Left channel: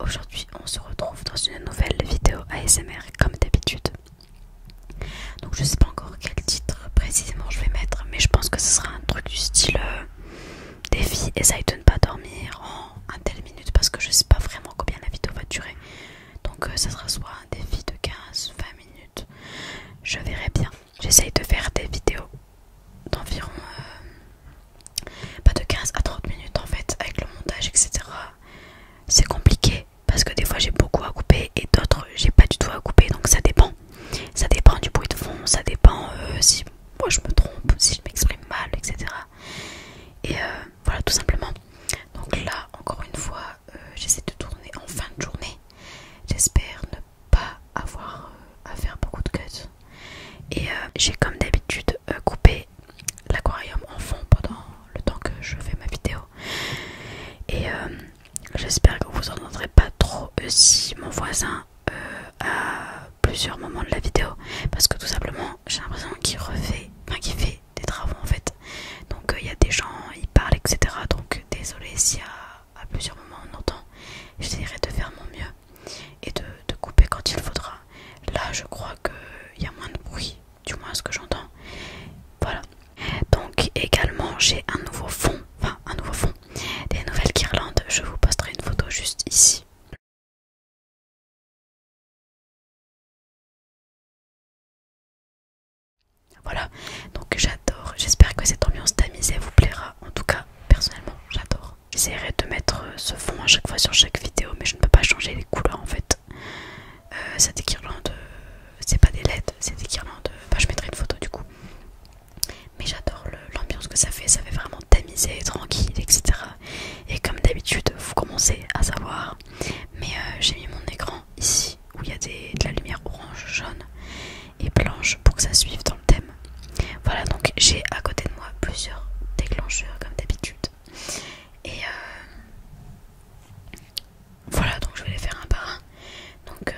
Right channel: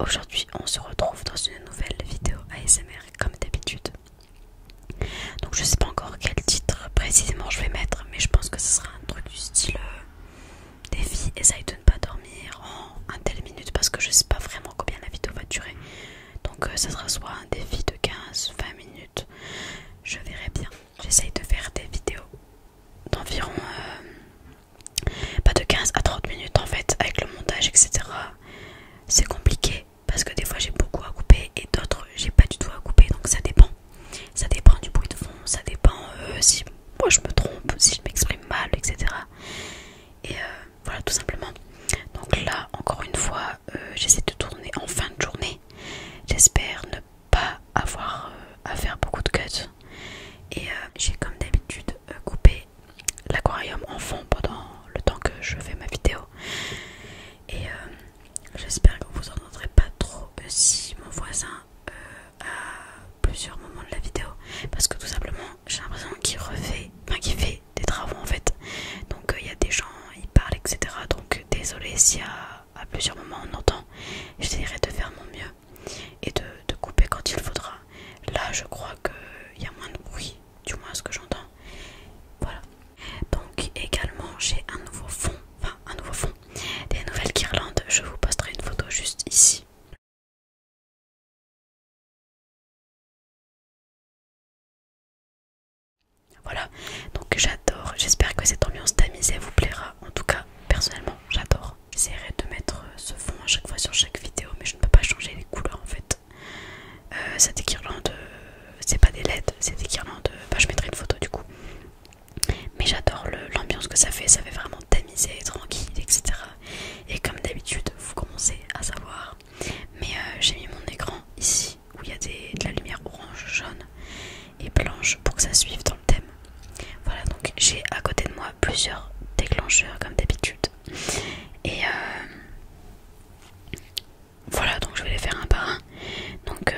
aujourd'hui on se retrouve dans une nouvelle vidéo ASMR comme d'habitude. Donc je sais pas encore quel titre précisément je vais mettre, mais je pense que ce sera un truc du style défi, essaye de ne pas dormir en un tel minute, parce que je sais pas vraiment combien la vidéo va durer. Donc ça sera soit un défi de 15-20 minutes, je verrai bien. J'essaye de faire des vidéos d'environ pas de 15 à 30 minutes en fait, avec le montage etc. C'est compliqué parce que des fois j'ai beaucoup à couper et d'autres j'ai pas du tout à couper, donc ça dépend. Ça dépend du bruit de fond, ça dépend si moi je me trompe, si je m'exprime mal, etc. Et voilà, tout simplement. Donc là, encore une fois, j'essaie de tourner en fin de journée. J'espère ne pas avoir à faire beaucoup de cuts. Et j'ai comme d'habitude coupé l'aquarium en fond pendant le temps que je fais ma vidéo. Et j'espère que vous n'entendrez pas trop si mon voisin à plusieurs moments de la vidéo, parce que tout simplement j'ai l'impression qu'il fait des travaux en fait. Donc il y a des gens, ils parlent etc. Donc désolé si à plusieurs moments on entend. J'essaierai de faire mon mieux et de couper quand il faudra. Là je crois qu'il y a moins de bruit, du moins ce que j'entends. Voilà. Donc également j'ai un nouveau fond, des nouvelles guirlandes. Je vous posterai une photo juste ici. Voilà, donc j'adore, j'espère que cette ambiance tamisée vous plaira. En tout cas, personnellement, j'adore. J'essaierai de mettre ce fond à chaque fois sur chaque vidéo, mais je ne peux pas changer les couleurs en fait. C'est des guirlandes, c'est pas des LED, c'est des guirlandes, je mettrai une photo du coup. Mais j'adore l'ambiance que ça fait vraiment tamisé, tranquille, etc. Et comme d'habitude, vous commencez à savoir, mais j'ai mis mon écran ici, où il y a de la lumière orange, jaune et blanche pour que ça suive dans le thème. Voilà, donc j'ai à côté de moi plusieurs déclencheurs comme d'habitude. Et voilà, donc je vais les faire un par un. Donc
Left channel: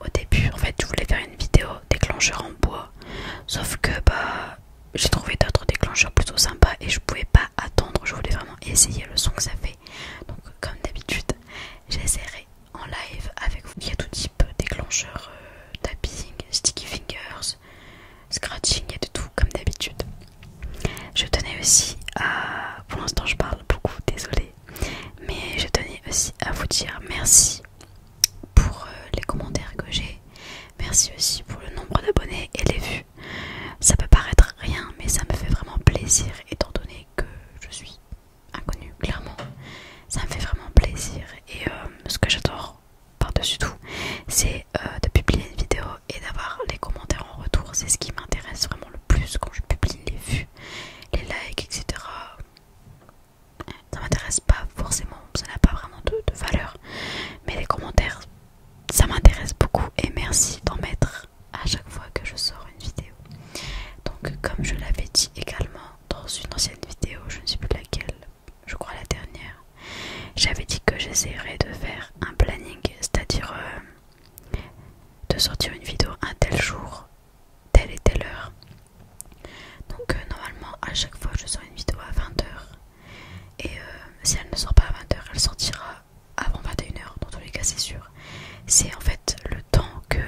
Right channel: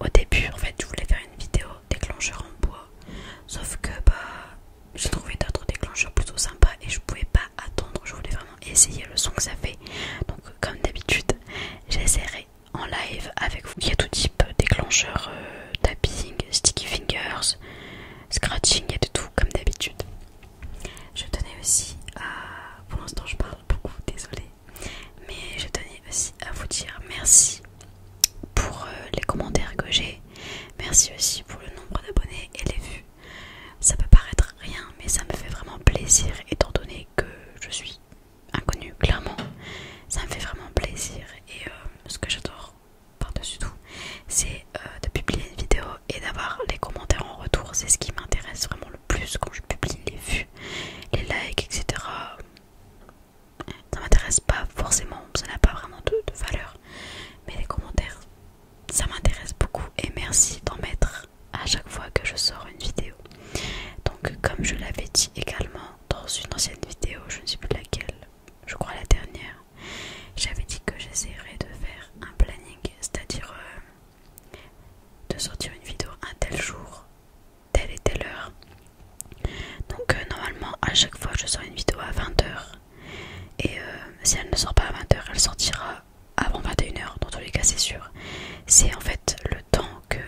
au début, en fait, je voulais faire une vidéo déclencheur en bois. Sauf que j'ai trouvé d'autres déclencheurs plutôt sympas et je pouvais pas attendre. Je voulais vraiment essayer le son que ça fait. Donc comme d'habitude, j'essaierai en live avec vous. Il y a tout type déclencheur, tapping, sticky fingers, scratching, il y a de tout comme d'habitude. Je tenais aussi à... Pour l'instant je parle beaucoup, désolée. Mais je tenais aussi à vous dire merci pour les commentaires que j'ai. Merci aussi pour le nombre d'abonnés et les vues. Ça peut paraître rien, mais ça me fait vraiment plaisir étant donné que je suis inconnue, clairement. Ça me fait vraiment plaisir. Et ce que j'adore par-dessus tout, c'est de publier une vidéo et d'avoir les commentaires en retour. C'est ce qui m'intéresse vraiment le plus quand je publie les vues, les likes, etc. Ça m'intéresse pas forcément, ça n'a pas vraiment de valeur. Mais les commentaires, ça m'intéresse beaucoup et merci d'en mettre à chaque fois que je sors une vidéo. Donc comme je l'avais dit également dans une ancienne vidéo, je ne sais plus laquelle, je crois la dernière, j'avais dit que j'essaierais de faire un planning, c'est-à-dire de sortir une vidéo un tel jour, telle et telle heure. Donc normalement à chaque fois je sors une vidéo à 20h et si elle ne sort pas à 20h, elle sortira avant 21h, dans tous les cas c'est sûr. C'est en fait le temps que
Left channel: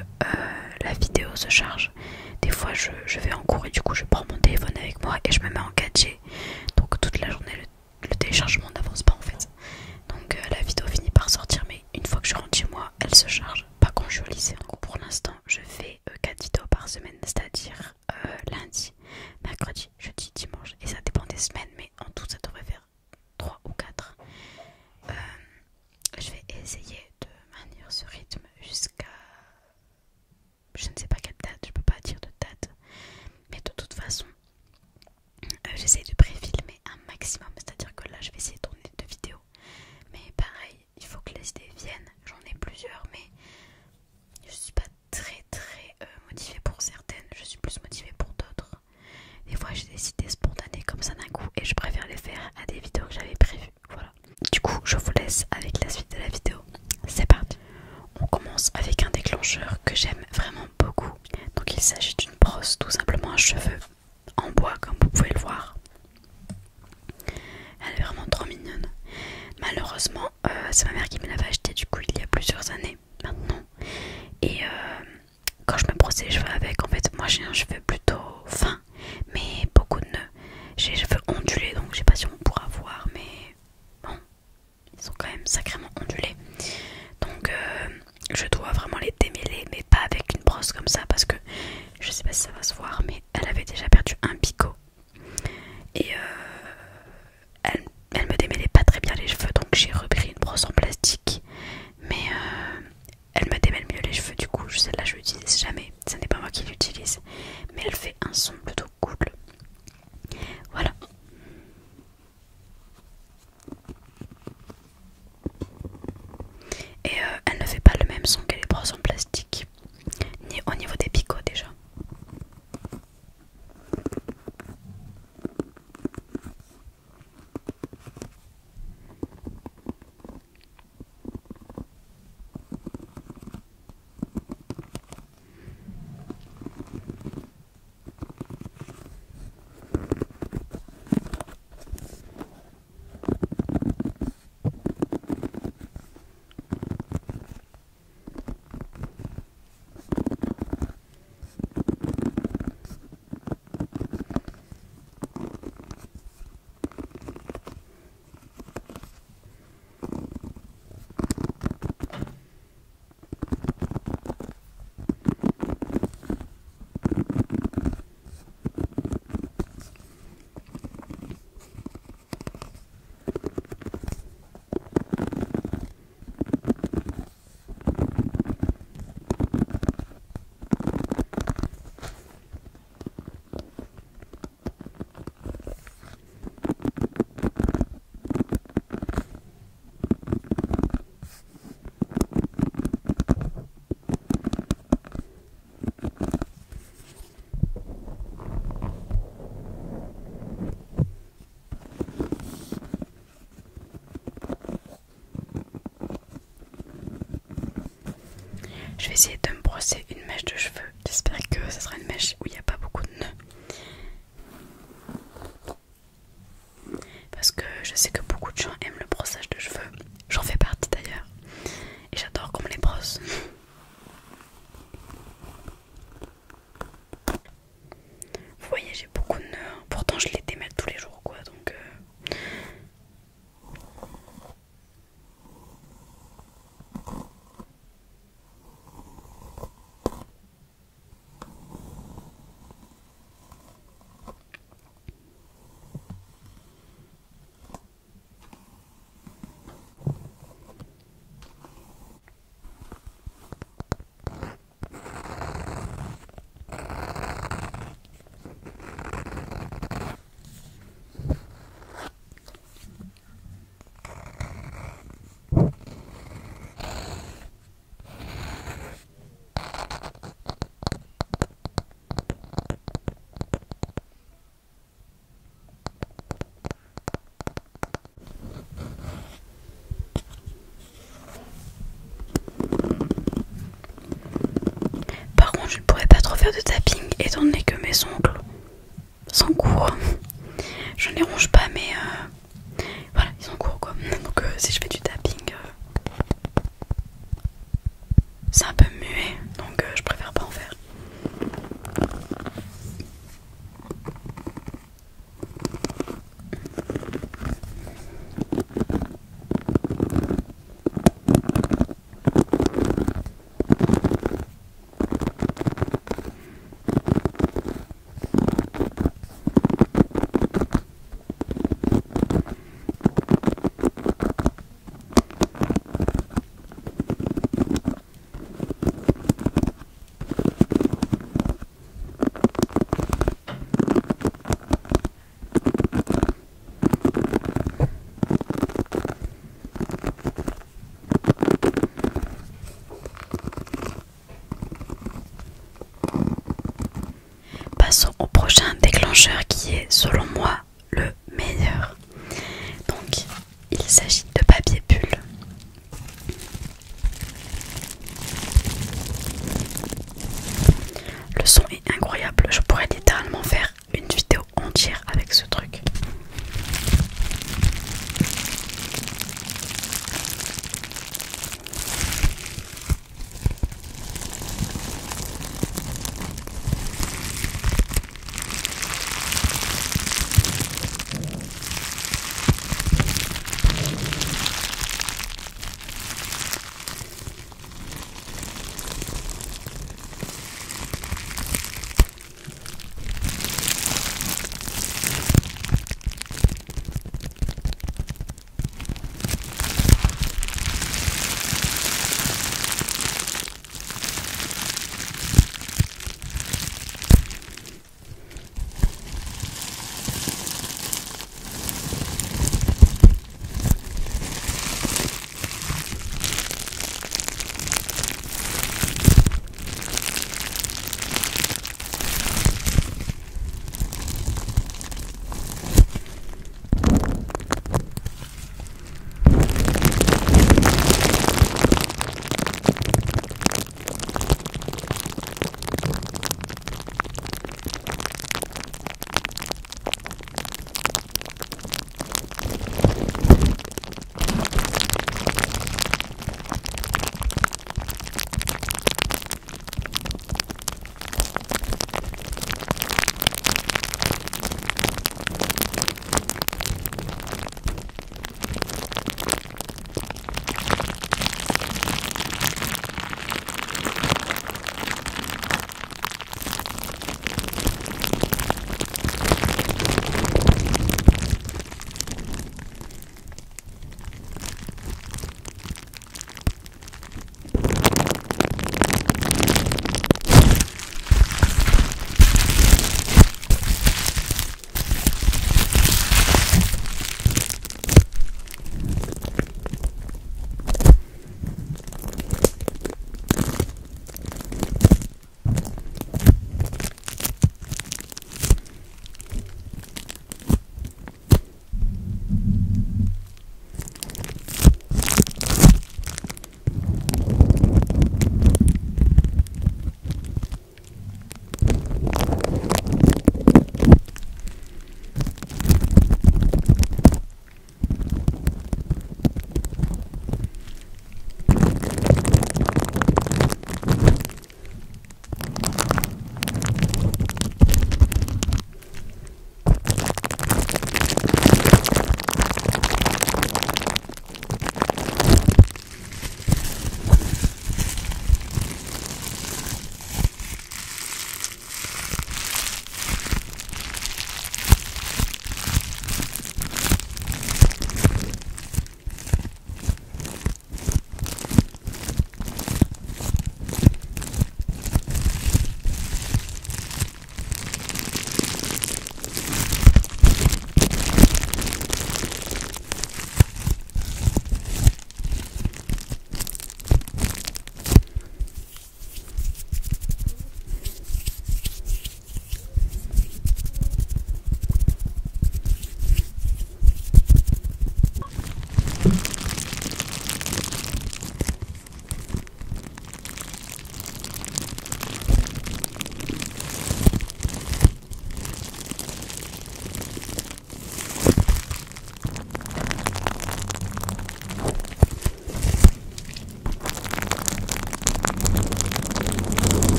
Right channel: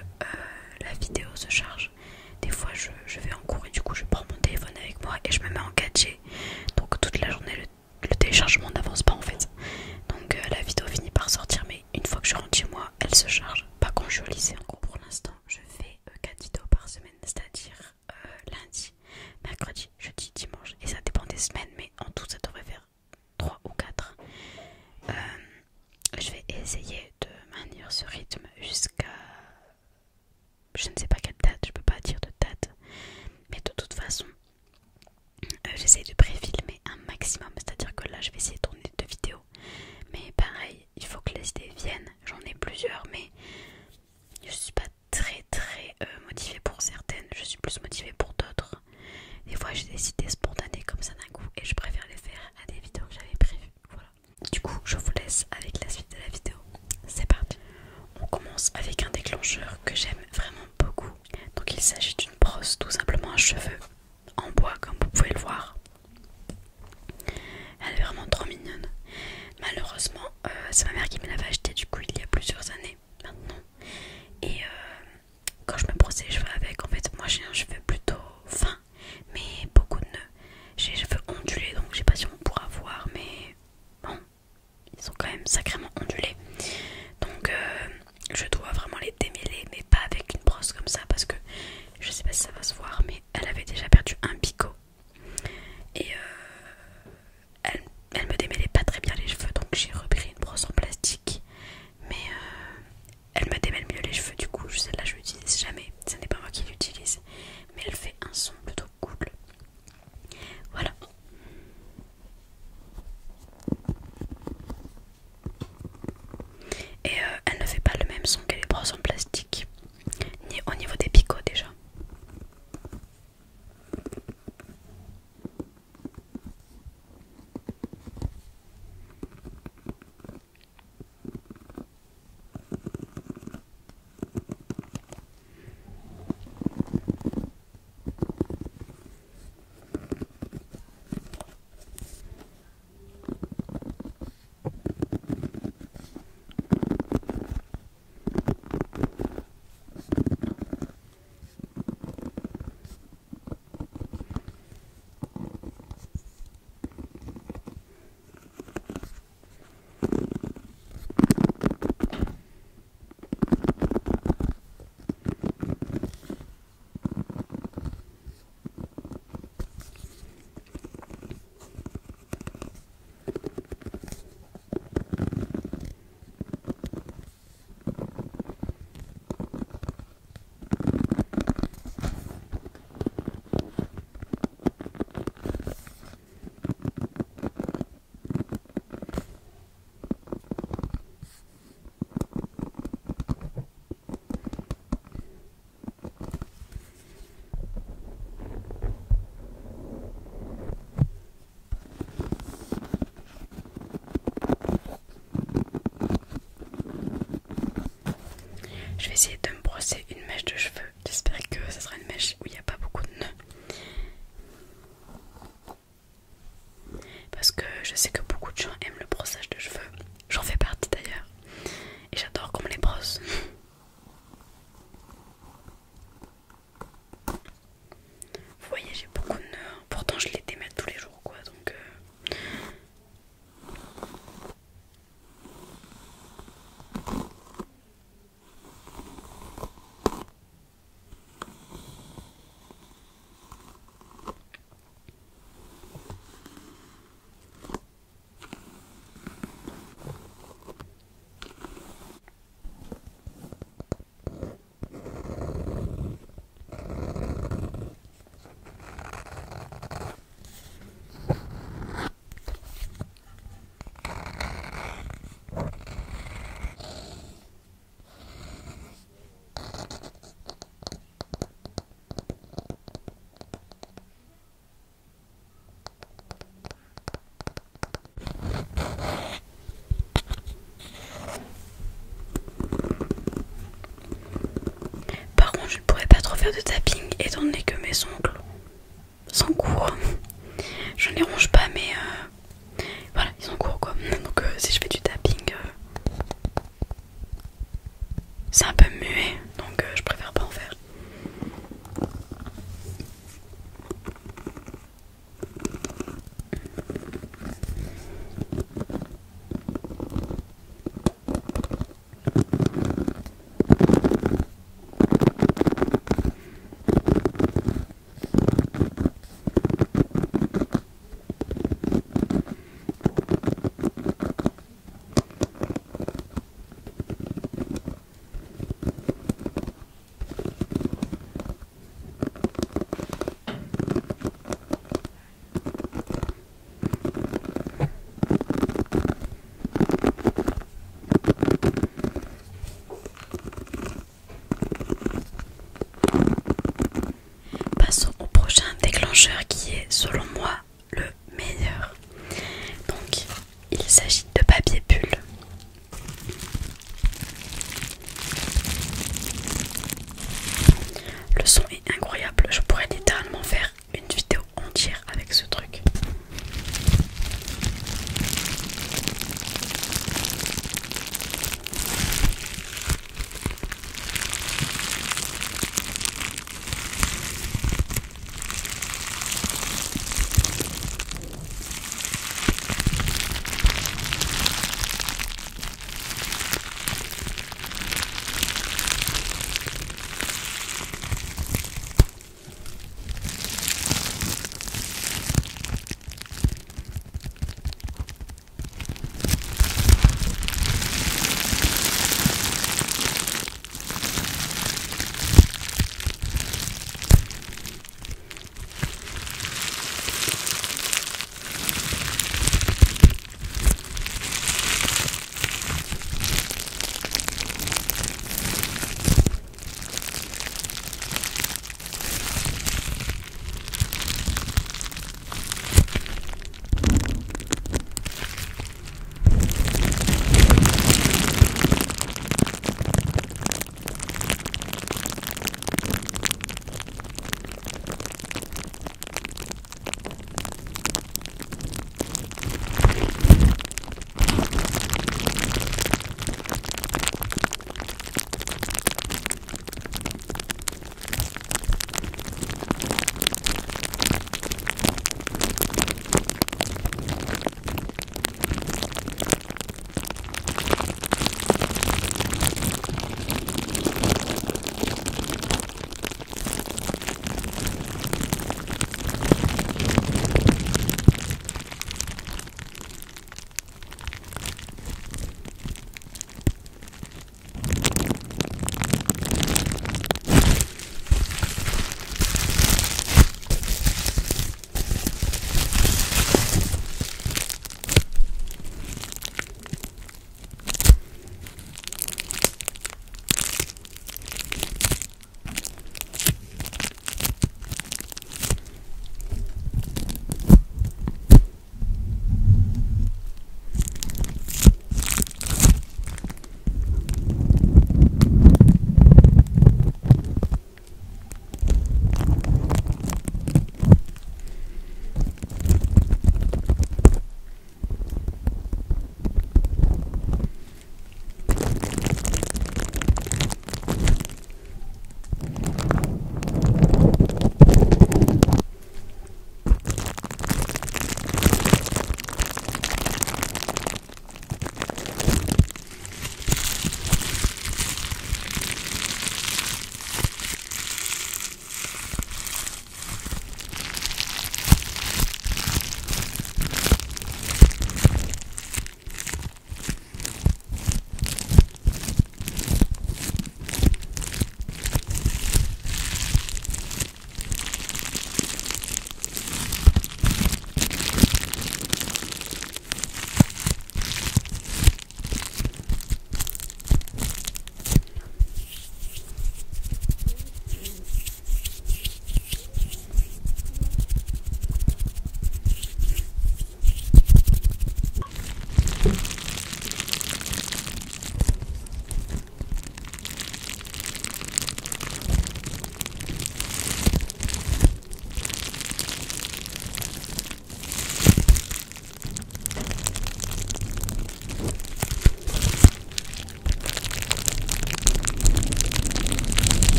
la vidéo se charge. Des fois je vais en cours et du coup je prends mon téléphone avec moi et je me mets en 4G. Donc toute la journée le téléchargement n'avance pas en fait. Donc la vidéo finit par sortir, mais une fois que je rentre chez moi, elle se charge. Pas quand je suis au lycée. En gros pour l'instant je fais 4 vidéos par semaine, c'est-à-dire lundi, mercredi, jeudi, dimanche. Et ça dépend des semaines, mais en tout ça devrait faire 3 ou 4. Je vais essayer de maintenir ce rythme jusqu'à... Je ne sais pas quelle date, je peux pas dire de date. Mais de toute façon, j'essaye de pré-filmer un maximum. C'est-à-dire que là, je vais essayer de tourner 2 vidéos. Mais pareil, il faut que les idées viennent. J'en ai plusieurs, mais je suis pas très motivée pour certaines. Je suis plus motivée pour d'autres. Des fois, j'ai des idées spontanées comme ça d'un coup et je préfère les faire à des vidéos que j'avais prévues. Voilà. Du coup, je vous laisse avec la suite de la vidéo. C'est parti. On commence avec un déclencheur que j'aime vraiment beaucoup. Donc il s'agit d'une brosse tout simplement à cheveux en bois comme vous pouvez le voir. Elle est vraiment trop mignonne. Malheureusement c'est ma mère qui me l'avait acheté, du coup il y a plus années maintenant. Et quand je me brosse les cheveux avec, en fait moi j'ai un cheveu plutôt fin mais beaucoup de nœuds. J'ai les cheveux ondulés, donc je sais pas si on pourra voir, mais bon, ils sont quand même sacrément ondulés. Donc je dois vraiment les démêler, mais pas avec une brosse comme ça, parce que je sais pas si ça va se voir, mais elle avait déjà perdu un picot. Et elle me démêlait pas très bien les cheveux, donc j'ai repris une brosse en plastique. Mais elle me démêle mieux les cheveux, du coup celle-là je l'utilise jamais. Ce n'est pas moi qui l'utilise, mais elle fait un son plutôt cool. Voilà. Et elle ne fait pas le même son que les brosses en plastique, ni au niveau des picots déjà. Je vais essayer de me brosser une mèche de cheveux. J'espère que ce sera une mèche où il n'y a pas beaucoup de nœuds. Parce que je sais que beaucoup de gens aiment le brossage de cheveux. J'en fais partie d'ailleurs. Et j'adore qu'on me les brosse. Vous voyez, j'ai beaucoup de nœuds. Pourtant je les démêle tous les jours quoi. Donc par contre je ne pourrais pas trop faire de tapping étant donné que mes ongles sont courts. Je ne les ronge pas mais voilà, ils sont courts quoi. Donc si je fais du tapping c'est un peu muet, donc je préfère pas en faire. Passons au prochain déclencheur qui est selon moi le meilleur. Donc il s'agit de papier bulle. Le son est incroyable, je pourrais littéralement faire une vidéo entière avec ce truc.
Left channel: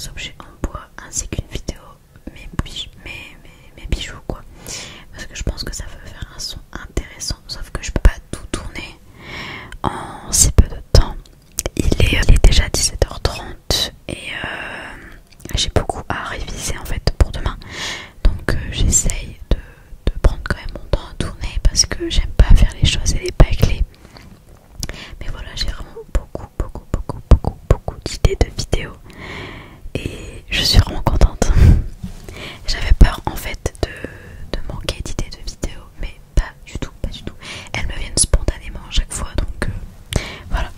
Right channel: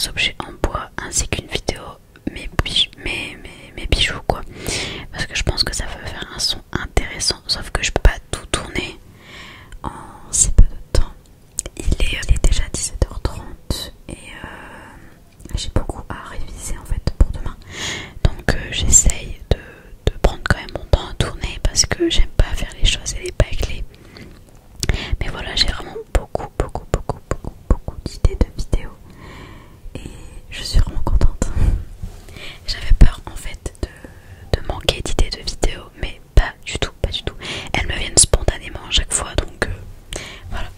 des objets en bois ainsi qu'une vidéo mes bijoux quoi, parce que je pense que ça va faire un son intéressant, sauf que je peux pas tout tourner en si peu de temps. Il est déjà 17h30 et j'ai beaucoup à réviser en fait pour demain, donc j'essaye de prendre quand même mon temps à tourner parce que j'aime pas faire les choses et les bâcler. Mais voilà, j'ai vraiment beaucoup d'idées de vidéos et je suis vraiment contente. J'avais peur en fait de manquer d'idées de vidéos, mais pas du tout, pas du tout. Elles me viennent spontanément à chaque fois, donc voilà.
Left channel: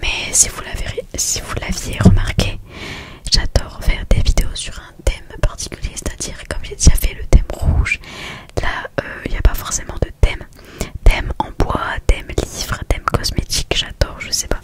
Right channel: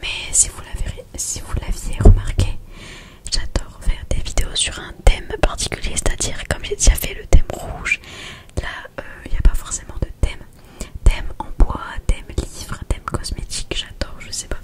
Mais si vous l'aviez remarqué, j'adore faire des vidéos sur un thème particulier, c'est-à-dire comme j'ai déjà fait le thème rouge, là il n'y a pas forcément de thème. Thème en bois, thème livre, thème cosmétique, j'adore, je sais pas.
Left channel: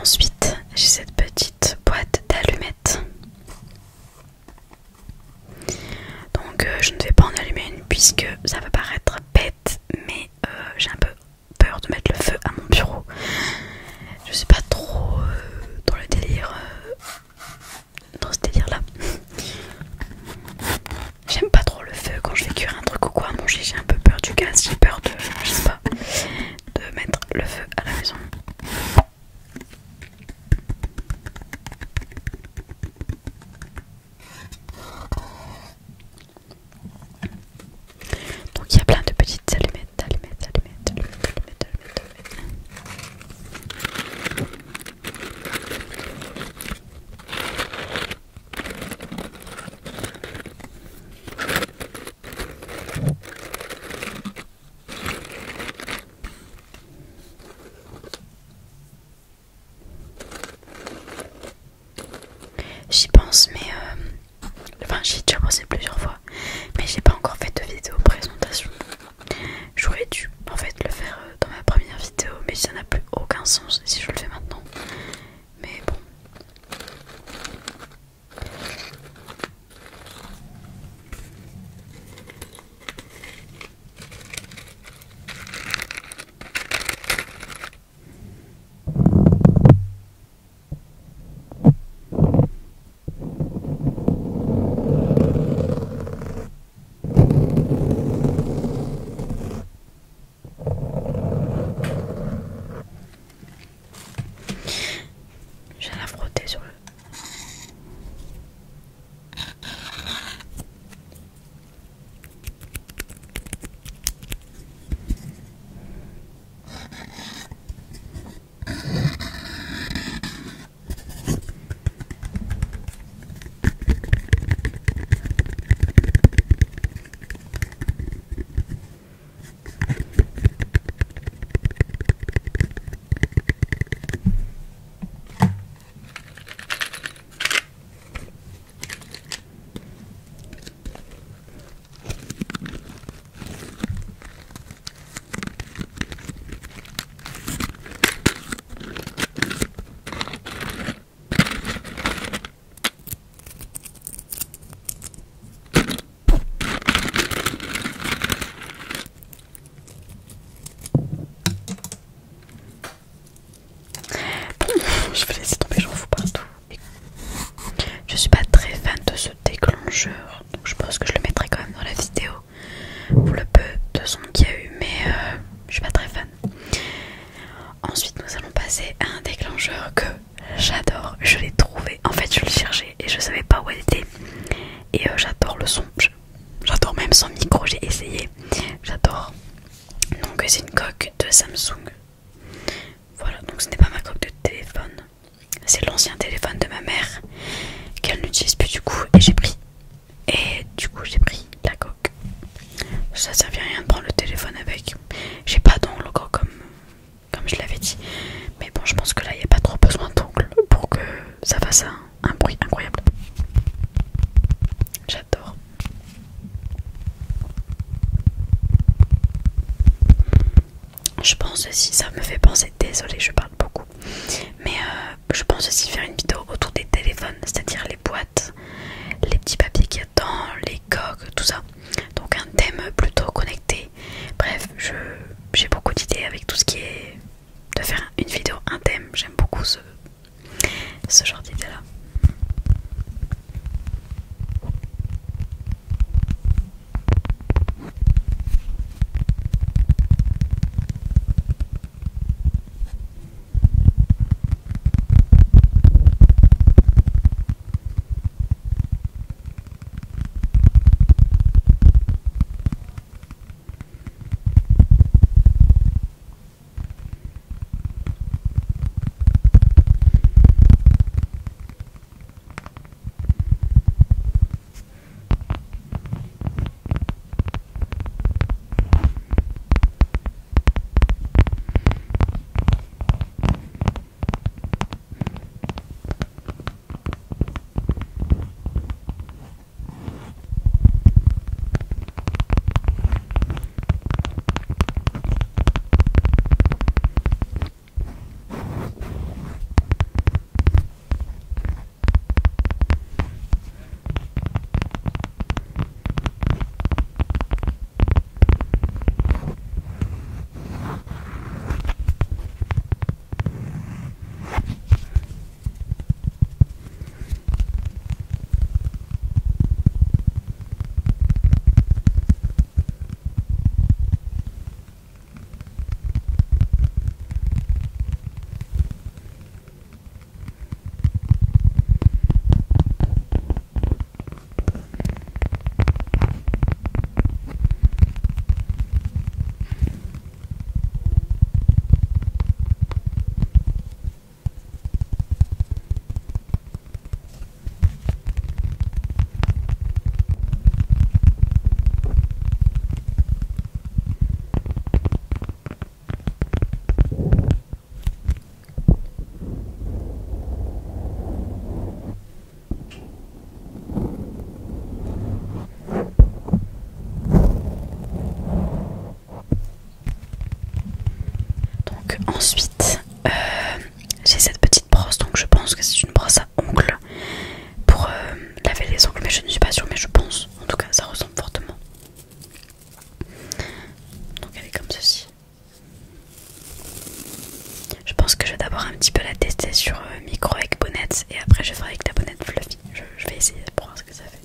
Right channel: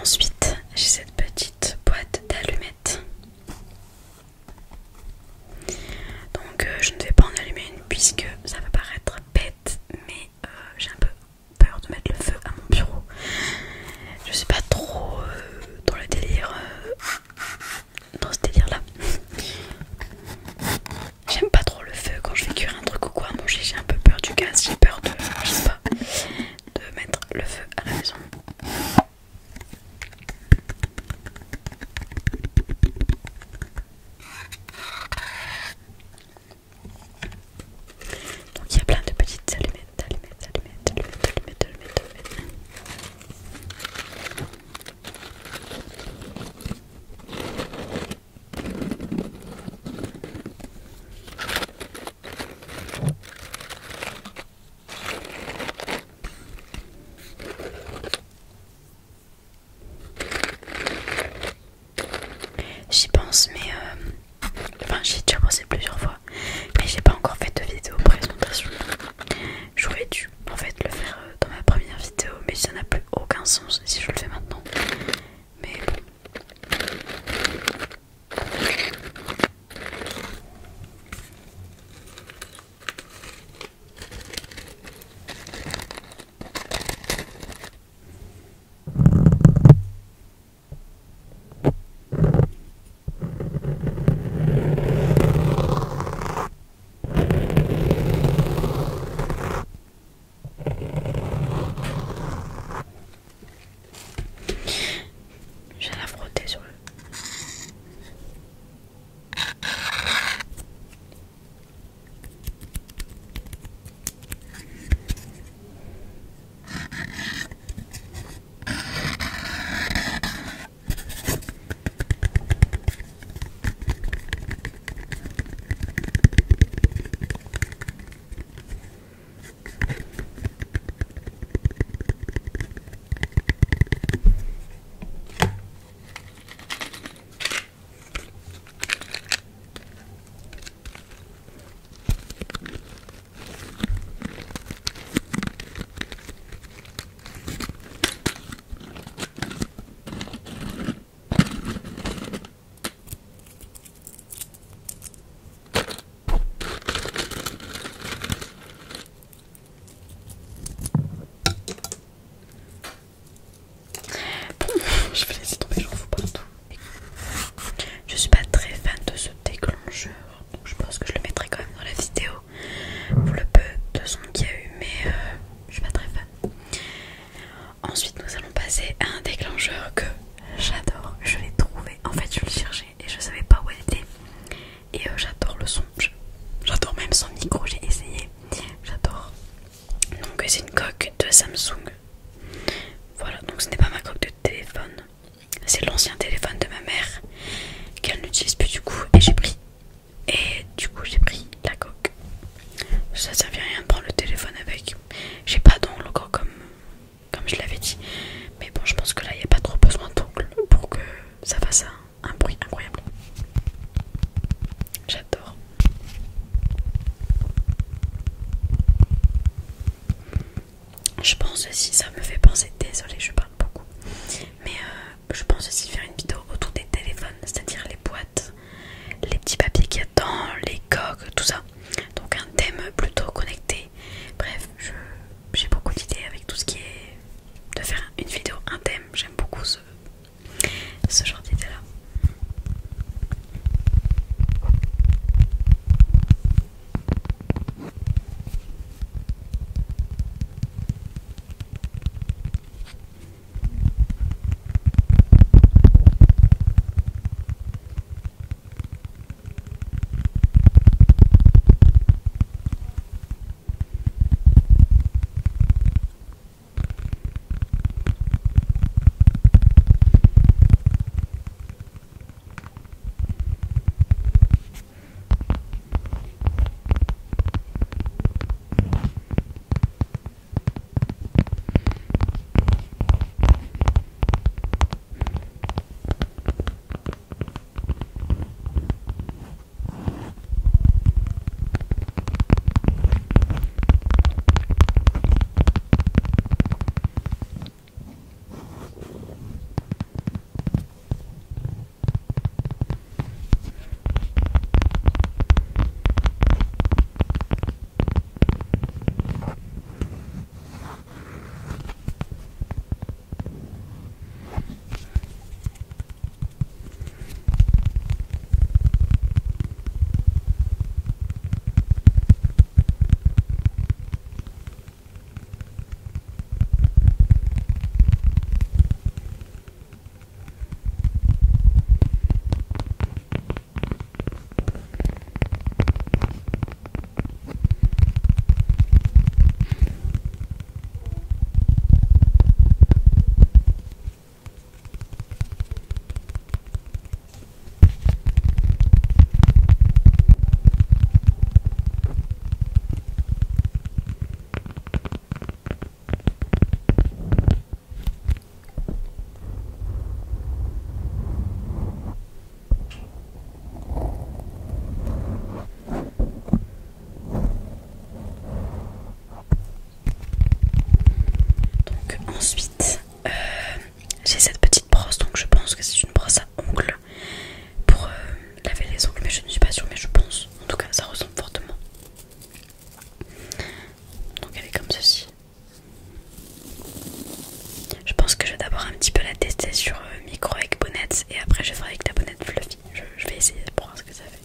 Ensuite, j'ai cette petite boîte d'allumettes. Donc je ne vais pas en allumer une puisque ça va paraître bête, mais j'ai un peu peur de mettre le feu à mon bureau. Je suis pas trop dans le délire, dans ce délire là. J'aime pas trop le feu quand je vais cuire un truc ou quoi à manger, j'ai un peu peur du gaz, j'ai peur de, je sais pas, de mettre le feu à la maison. Donc il y a plein de petites allumettes. J'y pense, mais enfin j'y ai déjà pensé plusieurs fois, mais j'ai pas encore fait de vidéo présentation. J'aurais dû en fait le faire dans ma première vidéo, mais ça n'a plus aucun sens si je le fais maintenant. Mais bon. c'est un déclencheur que j'adore. Je l'ai trouvé. En fait, je le cherchais et je savais pas où elle était. Et j'adore le son. J'adore même son micro. J'ai essayé. J'adore. Donc c'est une coque de Samsung. Voilà. Donc ce n'est pas ma coque de téléphone. C'est l'ancien téléphone de ma mère qu'elle n'utilise plus du coup. Et j'ai pris. Et du coup j'ai pris la coque. Ça servait à rien de prendre le téléphone avec. J'ai pas d'ongle comme je l'avais dit. Mais bon, je pense que là, il n'y a pas trop besoin d'ongle pour que ça fasse un bruit incroyable. J'adore. Je pense aussi, ça me fait penser, désolée, je parle beaucoup. Mais je pense aussi faire une vidéo autour des téléphones, c'est-à-dire les boîtes, les petits papiers qu'il y a dedans, les coques, tout ça. Donc un thème plutôt connecté. Bref, j'ai beaucoup d'idées avec tout ce qui est de faire une vidéo, un thème. J'aime beaucoup ce genre d'idée là. Ensuite, j'ai cette petite brosse, donc je pense que c'est une brosse à ongles pour laver les ongles, mais je ne suis pas sûre, mais je pense. En tout cas, ça ressemble fortement. Donc elle est comme ceci. Je pense que je vais d'abord un petit peu la tester sur micro avec bonnette et après je ferai avec la bonnette fluffy. Je vais essayer pour voir ce que ça fait.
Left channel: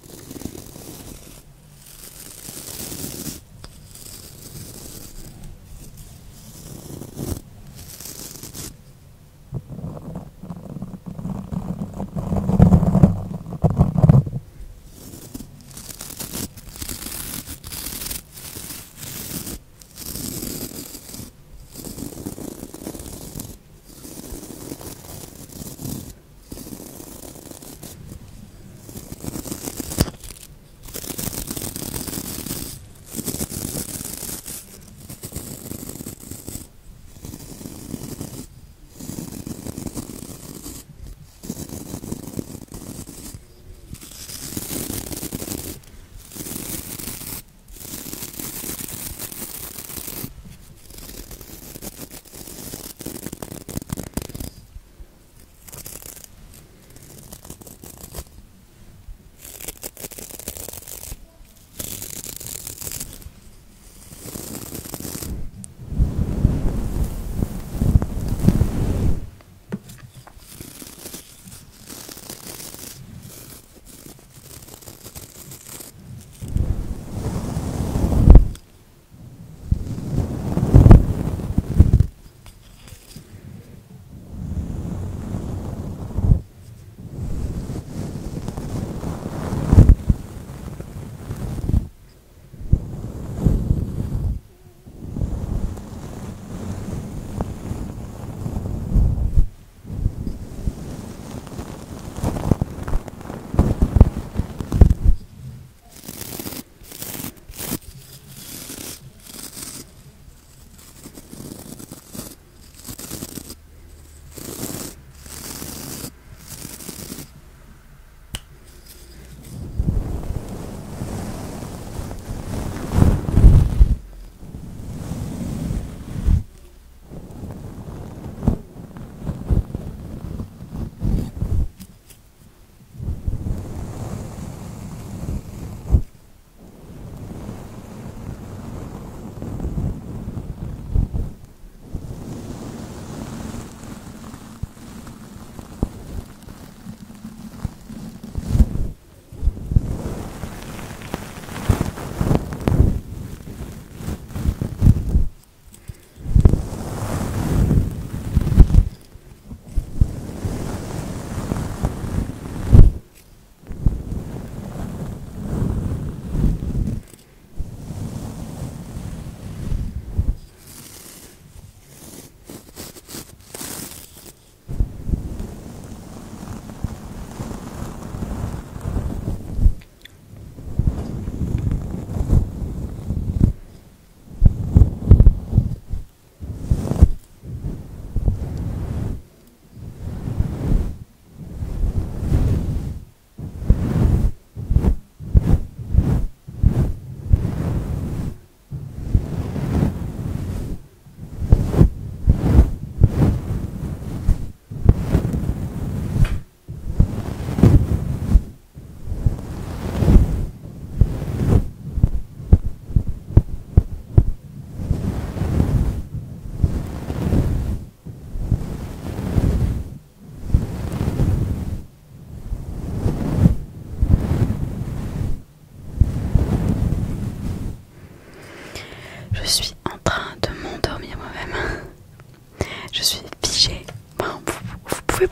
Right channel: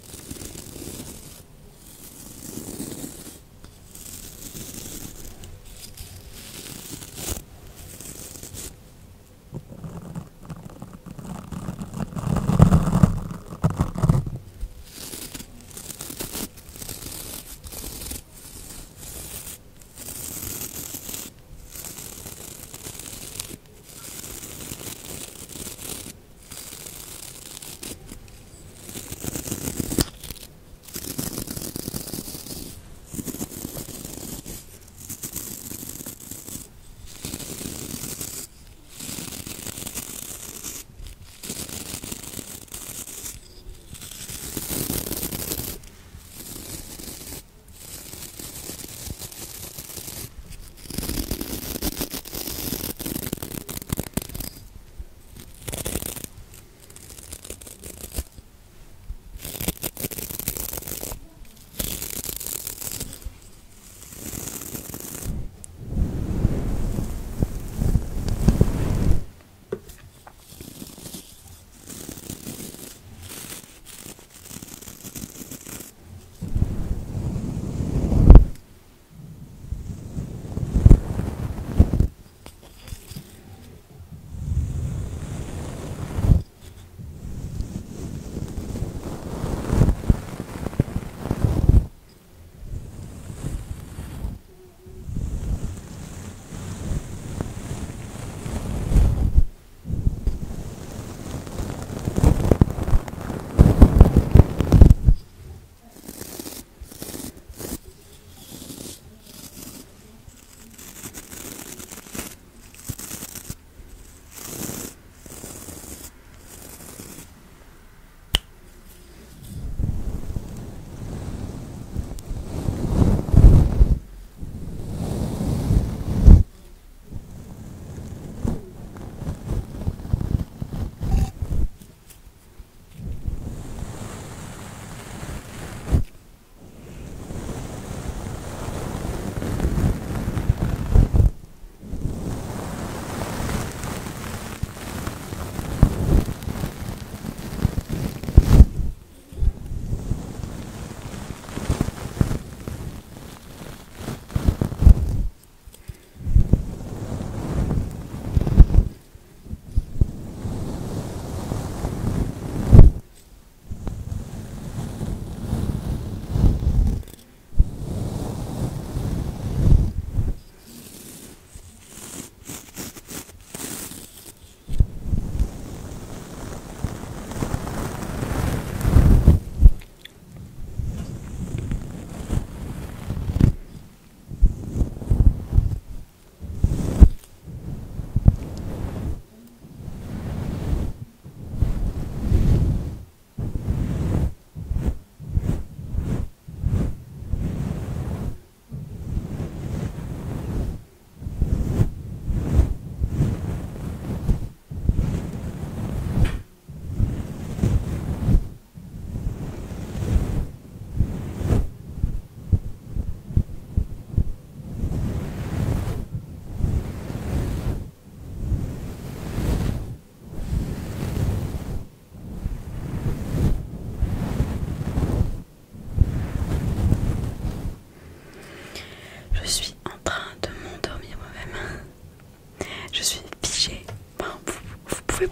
Je suis figée. Bon, vous pouvez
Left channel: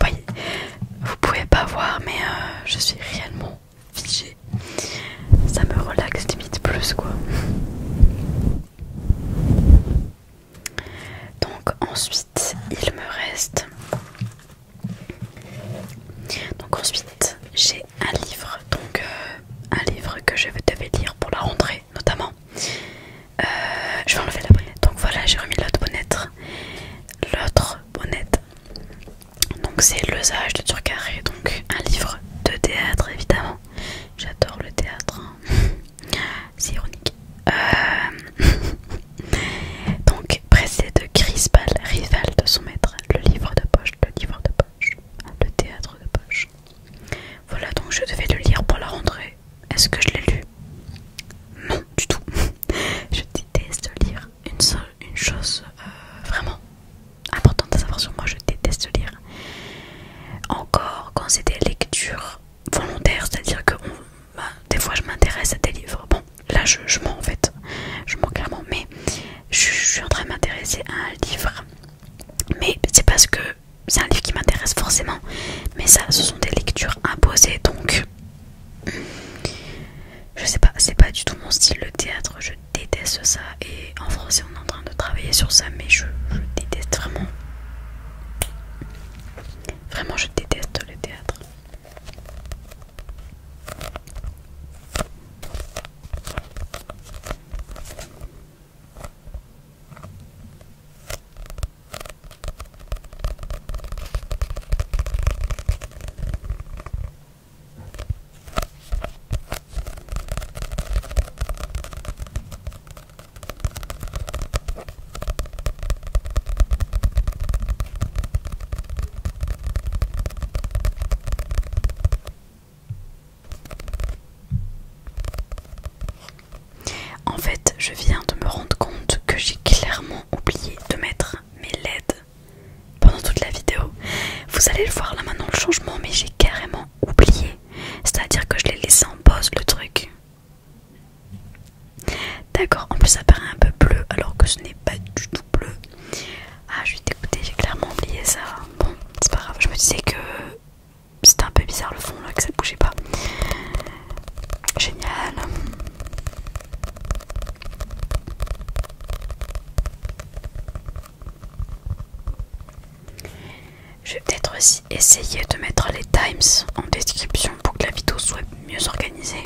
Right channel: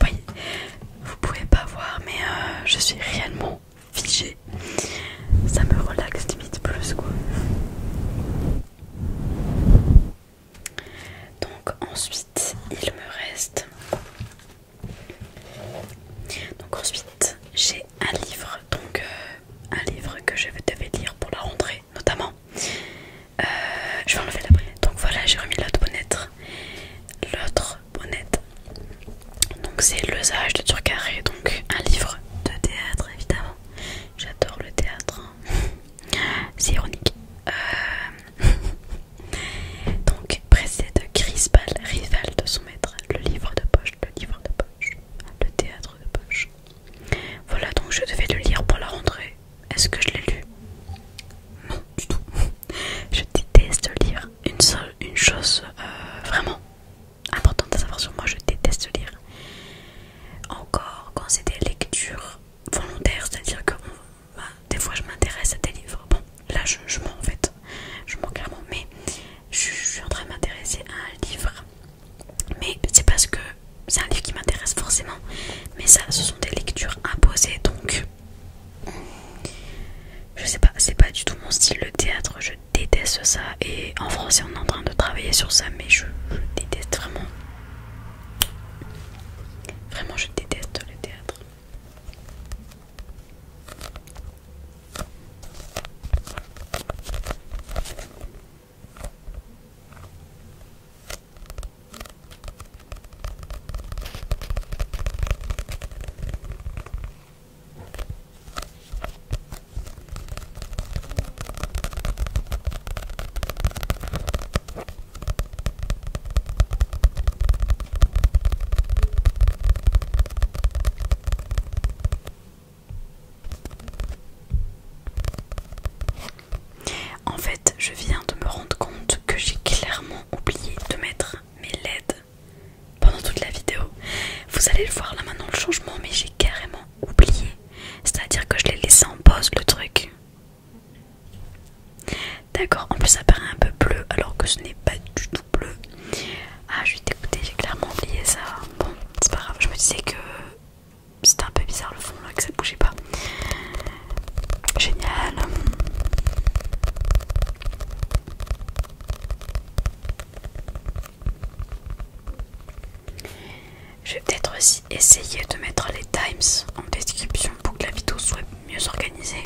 pas voir, mais je suis réellement figée. Ça me relaxe limite plus quoi. Donc ensuite il me reste. Donc ensuite j'ai un livre. Donc un livre que je devais lire pour la rentrée notamment. Je vais enlever la bonnette. Donc voilà, j'ai remis l'autre bonnette. Donc c'est Le Sage de Turcaret. Donc un livre de théâtre évidemment. J'adore le théâtre. C'est ironique. Donc précédé de Crispal, rival de son maître. Le livre de poche. Le théâtre de poche. Voilà, donc je devais le lire pour la rentrée. Est-ce que je l'ai lu? Non, du tout. Je déteste lire. Une chose vraiment importante à savoir sur moi, je déteste lire. Encore quand c'est des lectures volontaires, c'est-à-dire que des fois je m'intéresse à des livres. Bon, là je mens en fait. Je mens clairement, mais je suis en train de m'intéresser à un livre. Mais c'est parce que c'est un livre qui m'intéresse forcément. Mais ça, ce sont des lectures imposées, donc je sais pas, c'est pas du tout mon style le théâtre, je déteste ça. Et en français on est en train de travailler sur ça, mais je déteste vraiment. Vraiment je déteste le théâtre. En fait, je viens de me rendre compte que j'ai clairement oublié de mettre mes LED pendant toute la vidéo. Vous allez le voir là maintenant le changement, mais j'ai carrément oublié. C'est-à-dire que je l'ai laissé en pause le truc. D'accord, en plus ça paraît un peu bleu alors que ce n'est pas du tout bleu. Ah, je suis dégoûtée, j'ai clairement oublié ça. Bon, c'est pas grave, je me disais que c'était un peu bizarre le fond là, que ça bougeait pas. Génial. Je vais peut-être aussi essayer de mettre les times en description pour que la vidéo soit mieux organisée.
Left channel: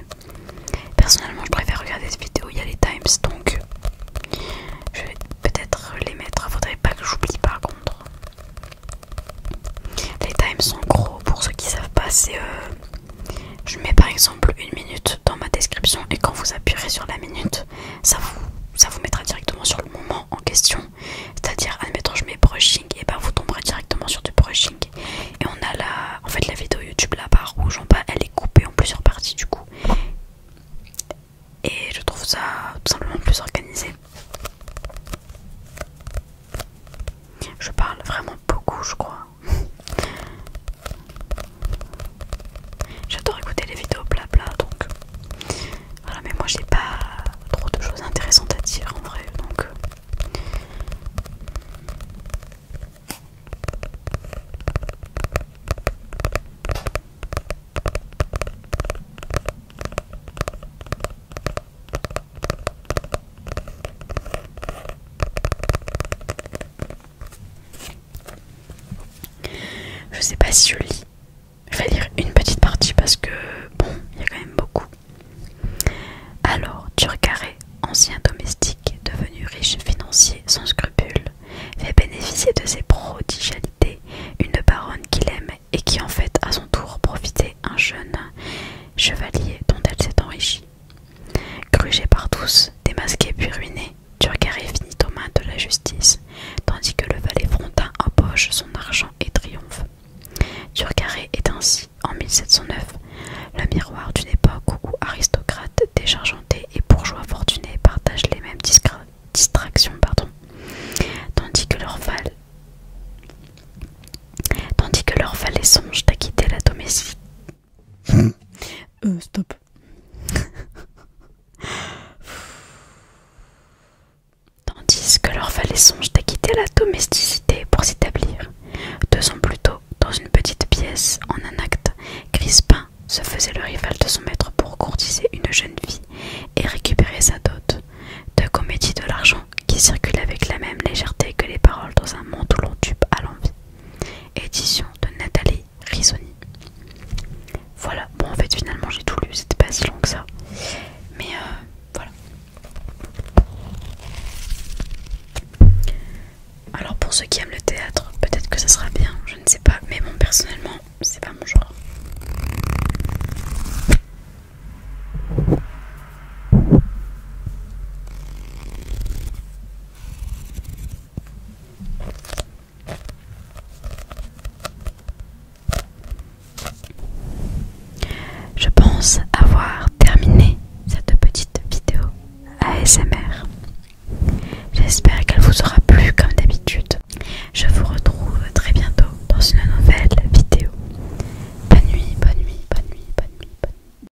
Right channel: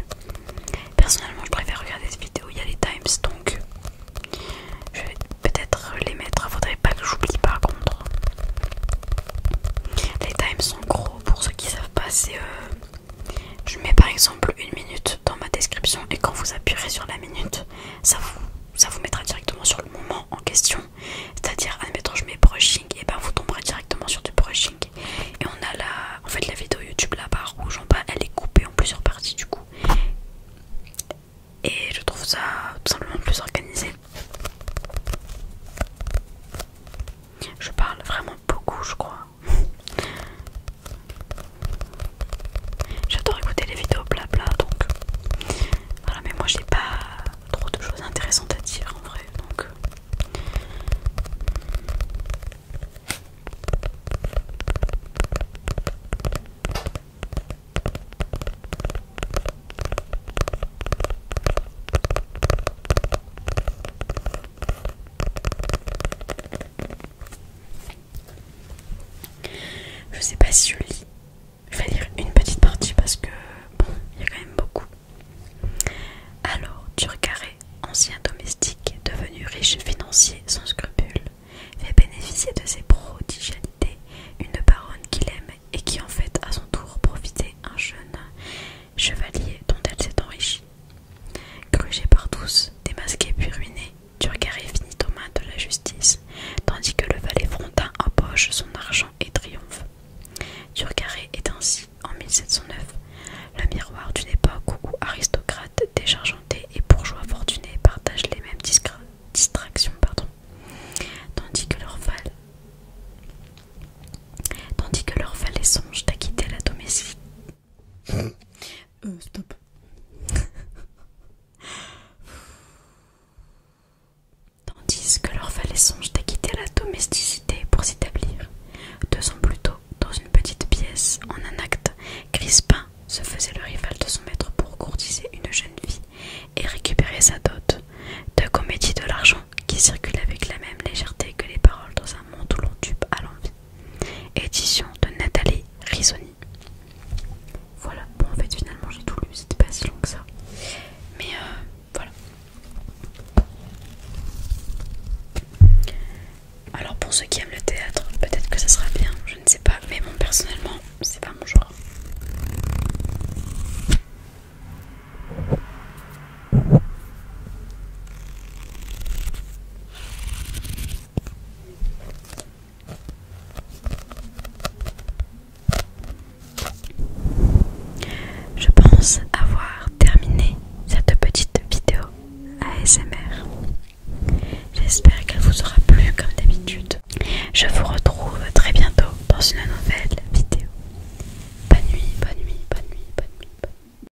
Personnellement, je préfère regarder cette vidéo, il y a les times, donc je vais peut-être les mettre. Faudrait pas que j'oublie par contre. Les times sont gros, pour ceux qui savent pas, c'est je mets par exemple 1 minute dans ma description et quand vous appuierez sur la minute, ça vous mettra directement sur le moment en question. C'est-à-dire, admettons, je mets brushing, et ben vous tomberez directement sur du brushing. Et on a en fait la vidéo YouTube, la barre rouge en bas, elle est coupée en plusieurs parties du coup. Et je trouve ça tout simplement plus organisé. Je parle vraiment beaucoup, je crois. J'adore écouter les vidéos blabla, donc voilà, mais moi j'ai pas trop de choses intéressantes à dire en vrai, donc je sais pas si je lis. Je vais lire une petite partie parce que bon, il y a quand même beaucoup. Alors, Turcaret, ancien domestique devenu riche financier sans scrupules, fait bénéficier de ses prodigialités une baronne qu'il aime et qui en fait à son tour profiter un jeune chevalier dont elle s'est enrichie. Grugé par tous, démasqué puis ruiné, Turcaret finit aux mains de la justice, tandis que le valet Frontin empoche son argent et triomphe. Turcaret ceux qui aiment le théâtre, peut-être que ça sera bien, je ne sais pas, mais bon, personnellement, c'est pas mon genre. Je pense avoir terminé cette petite vidéo ASMR. J'espère